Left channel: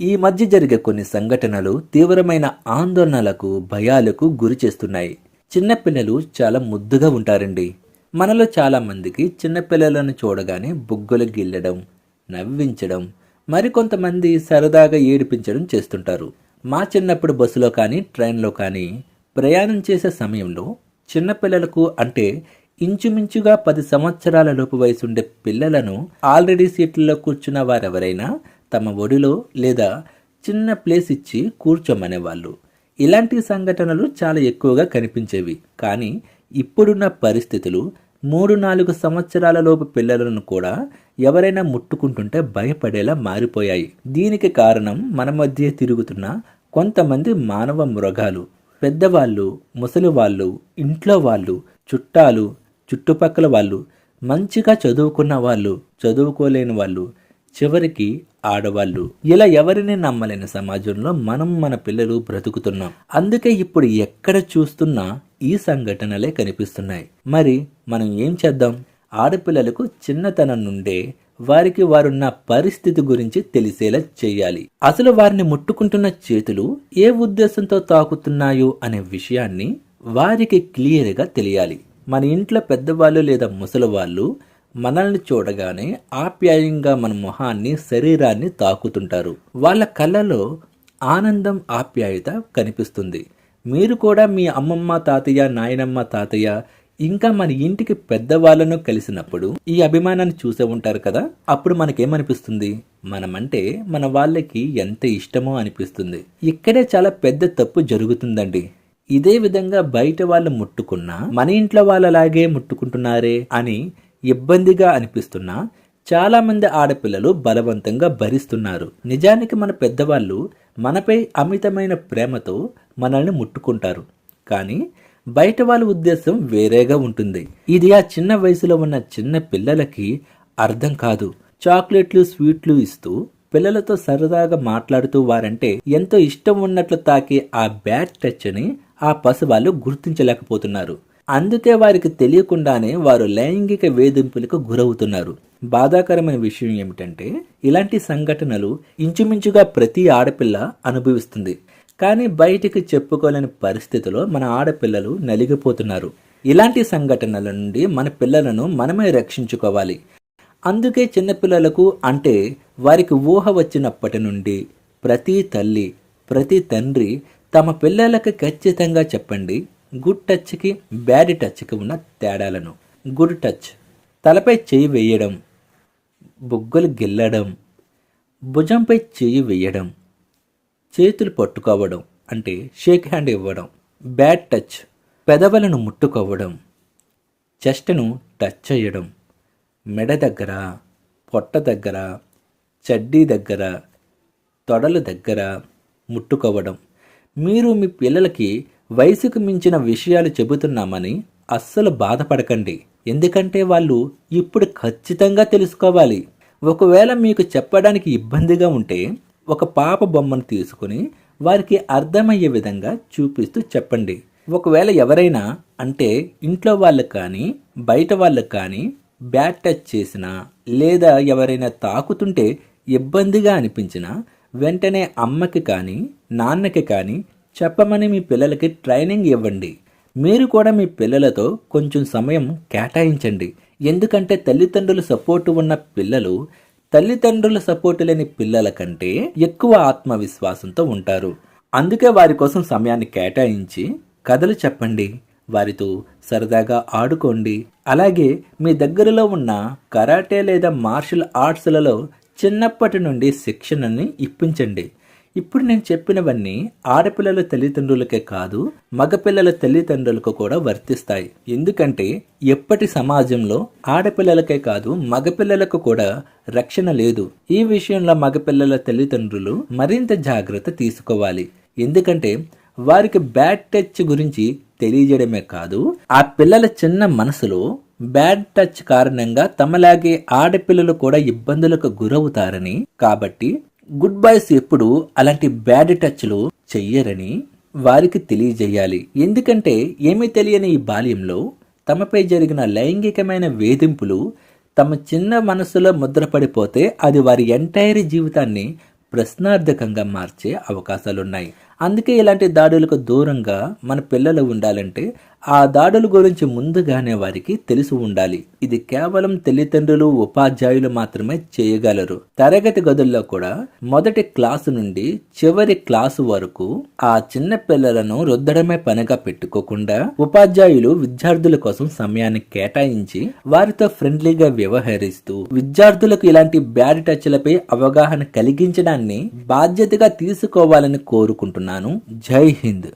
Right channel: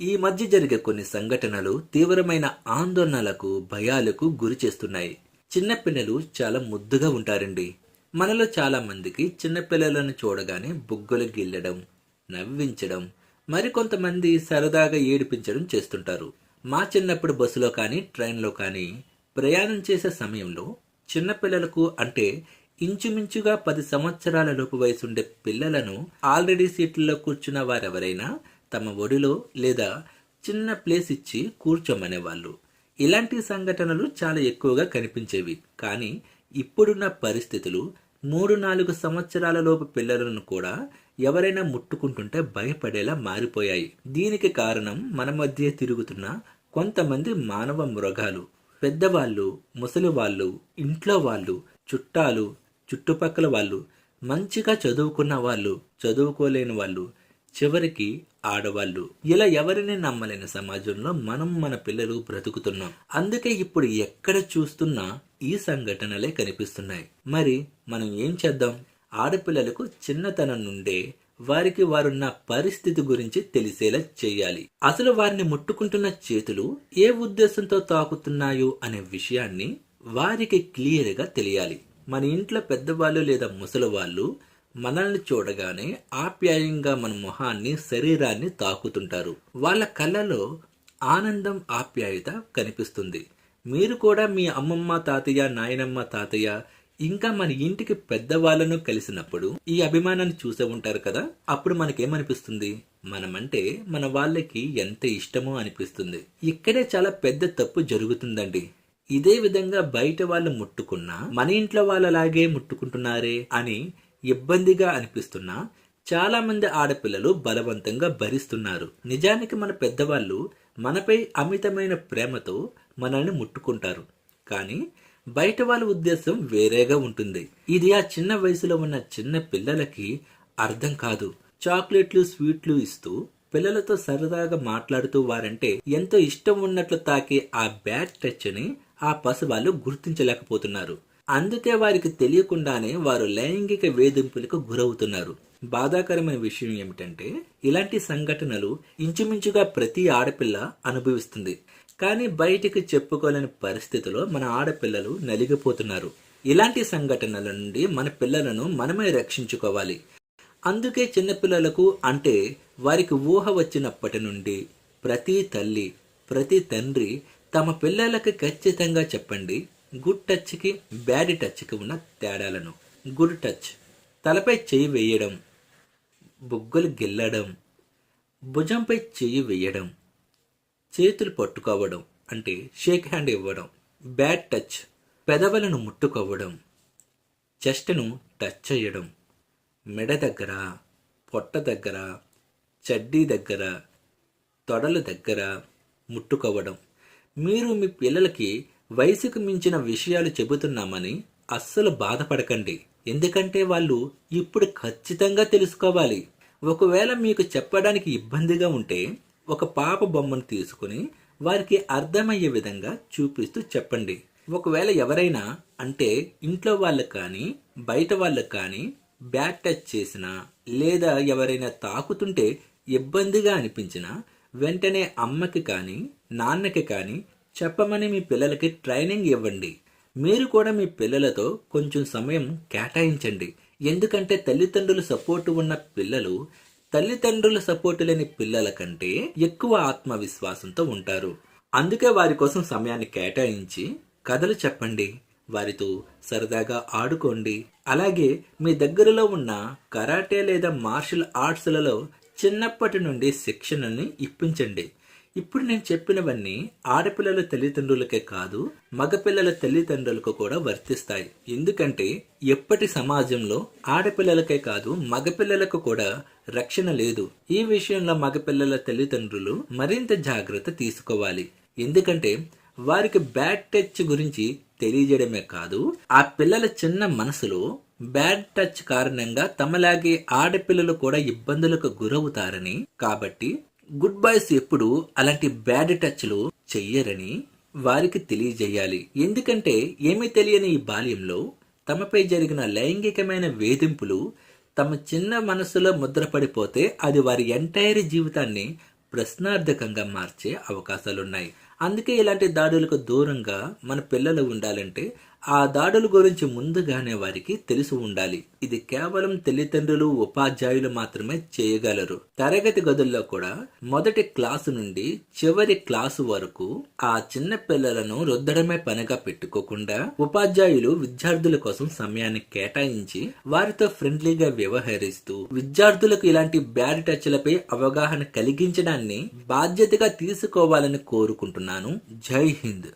ఈ మధ్య జరిగే కొన్ని సంఘటనలు తీవ్రమైన ఆందోళనలకు భయాలకు గురి చేస్తున్నాయి. చిన్నపిల్లలు చాలా ముద్దుగా ఉంటారండి. మనలో చాలామందికి చిన్నపిల్లలను చూడగానే బుగ్గలు గిల్లడం నవ్వించడం మరికొంతమంది సరదాగా ఏడిపించడం చేస్తుంటారు. మా చిన్నప్పుడు బస్సులో కానీ ట్రైన్లో కానీ ప్రయాణం చేసే సమయంలో చిన్నపిల్లలకు అంటే ఇంచుమించుగా పది సంవత్సరాల లోపు వయసుండే పిల్లలను ఆల్రెడీ సీట్లలో కూర్చున్న వారెవరైనా తమ ఒడిలో లేదా చిన్న ప్లేస్ ఇచ్చి కూర్చోమనేవాళ్ళు. ఇలాంటి సంఘటనలు చాలా ఎక్కువగా కనిపించేవి. కానీ ఇప్పుడున్న పరిస్థితులు మూడు నాలుగు సంవత్సరాలలోపు పిల్లలను కూడా ఎవరైనా ముట్టుకుంటుంటే భయపడేలా మారిపోయాయి. దీనికి కారణం మన మధ్య తిరుగుతున్న కొంతమంది మానవ మృగాలు. పెద్దవాళ్ళు ముసలి వాళ్ళు ఇంట్లో వాళ్ళు చుట్టాలు చుట్టుపక్కల వాళ్ళు మంచిగా చదువుకున్న వాళ్ళు చదువుకోలేని వాళ్ళు చివరికి ఆడవాళ్ళు. ఇలా ఎవరిని నమ్మలేని సమాజంలో మనం మన పిల్లలు బ్రతుకుతున్నాం. అందుకే ఇప్పుడు ఎక్కడ చూస్తున్నా ఈ సంఘటనలే కనిపిస్తున్నాయి. మరి మనం ఏం చేద్దాం? ఆడపిల్లలకు చిన్నతనం నుండే వారికి వారున్న పరిస్థితి గురించి తెలిసేలా చేయాలి. అసలు వారిని ముట్టుకుంటున్న చేతులు ఏ ఉద్దేశంతో తాకుతున్నాయో అనే విషయాన్ని వారికి క్లియర్గా తెలియాలి. మన ఇంట్లో పెద్దవాళ్ళు లేదా ముసలి వాళ్ళు మనల్ని చూడగానే ఆప్యాయంగా మన మొహాన్ని శరీరాన్ని తాకుతుంటారు. వాళ్ళ కళ్ళలో ఆనందం ఆప్యాయత కనిపిస్తుంది. మీరు కూడా మీ అమ్మమ్మ తాతయ్య నాయనమ్మ తాతయ్య ఇంకా మన ఇంటికి పెద్దవాళ్ళను కలిసినప్పుడు ఈ అభిమానాన్ని చూసే ఉంటారు కదా? అప్పుడు మనకేమనిపిస్తుంది? మనమంటే మన వాళ్ళకి ఎంత ఇష్టమో అనిపిస్తుంది. ఇక్కడే చాలా పెద్ద తప్పు జరుగుతుందండి. ఇదే విధంగా బయట వాళ్ళు ముట్టుకున్నా మన ఇంట్లో వాళ్ళలాగే ముట్టుకుంటున్నారే అని ఇబ్బందిగా అనిపిస్తున్నా చాలామంది ఆడపిల్లలు బలవంతంగా భరిస్తున్నారు. నిజానికి మన పెద్దవాళ్ళు మనపై అమితమైన ప్రేమతో మనల్ని ముట్టుకుంటారు. కానీ బయట వాళ్ళ ఉద్దేశం వేరేగా ఉంటుంది. ఇది ఆ చిన్న వయసులో ఉన్న చిన్న పిల్లలకి అర్థం కాదు. చాక్లెట్లు స్వీట్లు ఇస్తూ పిల్లలతో సరదాగా మాట్లాడుతూ వారంటే ఎంతో ఇష్టం ఉన్నట్లు తాకే ఆ బ్యాడ్ టచ్ అని ఆ పసి వాళ్ళు గుర్తించలేకపోతున్నారు. అందుకే వారికి తెలియకుండానే వారు లైంగిక వేధింపులకు గురవుతున్నారు. బాధాకరమైన విషయం ఏమిటంటే ఇలాంటి సంఘటనలు ఇంచుమించుగా ప్రతి ఆడపిల్ల అనుభవిస్తుంది. కానీ బయటికి చెప్పుకోలేని పరిస్థితిలో మన ఆడపిల్లలు నలిగిపోతున్నారు. ఇలాంటి సంఘటనల నుండి మన పిల్లలను మనమే రక్షించుకోవాలి. అందుకే చిన్నపిల్లలకు అంటే వారికి ఊహ వచ్చినప్పటి నుండి ప్రతి తల్లి ప్రతి తండ్రి తమ పిల్లలకు ఖచ్చితంగా చెప్పండి గుడ్ టచ్కి బ్యాడ్ టచ్కి ఉన్న తేడాలను. Good touch. తలపై చేయి వేయడం. బుగ్గలు గిల్లడం. భుజంపై చేయి వేయడం. చేతులు పట్టుకోవడం. అంటే షేక్ హ్యాండ్ ఇవ్వడం. Bad touch. పెదవులను ముట్టుకోవడం. చెస్ట్ను టచ్ చేయడం. మెడ దగ్గర పొట్ట దగ్గర చడ్డీ దగ్గర తొడల దగ్గర ముట్టుకోవడం. మీరు మీ పిల్లలకి వయసుకు మించిన విషయాలు చెబుతున్నామని అస్సలు బాధపడకండి. ఎందుకంటే వాళ్ళు ఇప్పుడు ఖచ్చితంగా తెలుసుకోవాలి. ఒకవేళ మీకు చెప్పడానికి ఇబ్బందిగా ఉంటే ఒక పాప బొమ్మను తీసుకుని వారికి అర్థమయ్యే విధంగా చూపిస్తూ చెప్పండి. ఒకవేళ ఎవరైనా అంటే ఇంట్లో వాళ్ళకు కానీ బయట వాళ్ళకు కానీ బ్యాట్ టచ్ చేసినా లేదా ఎవరైనా తాకుతుంటే ఇబ్బందిగా అనిపించినా వెంటనే అమ్మకి కానీ నాన్నకి కానీ చెప్పమని మీ పిల్లలకి ట్రైనింగ్ ఇవ్వండి. మీరు కూడా మీ పిల్లలతో కొంచెం సమయం కేటాయించండి. ఎందుకంటే తల్లిదండ్రుల సపోర్టు ఉన్న పిల్లలు తల్లిదండ్రుల సపోర్టు లేని పిల్లల కంటే ఎక్కువ ఆత్మవిశ్వాసంతో ఉంటారు. అందుకే వారి కోసం సమయాన్ని కేటాయించి కథలు చెప్పండి. వారితో సరదాగా ఆడుకోండి. అలాగే మీ దగ్గరలో ఉన్న కరాటే లేదా మార్షల్ ఆర్ట్స్లలో చిన్నప్పటి నుండి శిక్షణని ఇప్పించండి. ఇప్పుడు నేను చెప్పినవన్నీ ఆడపిల్లల తల్లిదండ్రులకే కాదు మగపిల్లల తల్లిదండ్రులకు కూడా వర్తిస్తాయి. ఎందుకంటే ఎప్పటి సమాజంలో ఆడపిల్లలకే కాదు మగపిల్లలకు కూడా రక్షణ లేదు. ఈ విషయంలో మగపిల్లల తల్లిదండ్రులు మరింత జాగ్రత్త తీసుకోవాలి. ఎందుకంటే వారికి బ్యాడ్ టచ్ గురించి తెలియజేయడమే కాదు ఆ పిల్లల చిన్న మనసులో బ్యాడ్ టచ్ కారణంగా తమలాగే ఆడపిల్లలు కూడా ఇబ్బందులకు గురవుతారని. కాబట్టి గుడ్ బాయ్స్ ఎప్పుడు అలాంటి బ్యాడ్ టచ్లు చెయ్యరని వారికి తెలియజేయాలి. ఎందుకంటే ఏమీ తెలియని ఈ బాల్యంలో తమపై జరిగిన లైంగికమైన వేధింపులు తమ చిన్న మనసులో ముద్రపడిపోతే అది వారి ఎంటైర్ జీవితాన్ని ప్రశ్నార్థకంగా మార్చే అవకాశాలున్నాయి. అందుకే ఇలాంటి దాడులకు దూరంగా మన పిల్లలు ఉండాలంటే ఆ దాడుల గురించి ముందుగానే వారికి తెలిసి ఉండాలి. ఇది కేవలం తల్లిదండ్రులు ఉపాధ్యాయులు మాత్రమే చేయగలరు. తరగతి గదుల్లో కూడా మొదటి క్లాసు నుండి చివరి క్లాసు వరకు ఆ చిన్న పిల్లలను రుద్దడమే పనిగా పెట్టుకోకుండా ఉపాధ్యాయులు విద్యార్థుల కోసం సమయాన్ని కేటాయించి వారితో ఫ్రెండ్లీగా వ్యవహరిస్తూ విద్యార్థులకు ఇలాంటి బ్యాడ్ టచ్లపై అవగాహన కలిగించడాన్ని బాధ్యతగా తీసుకోవాలని కోరుకుంటున్నాను. జై హింద్.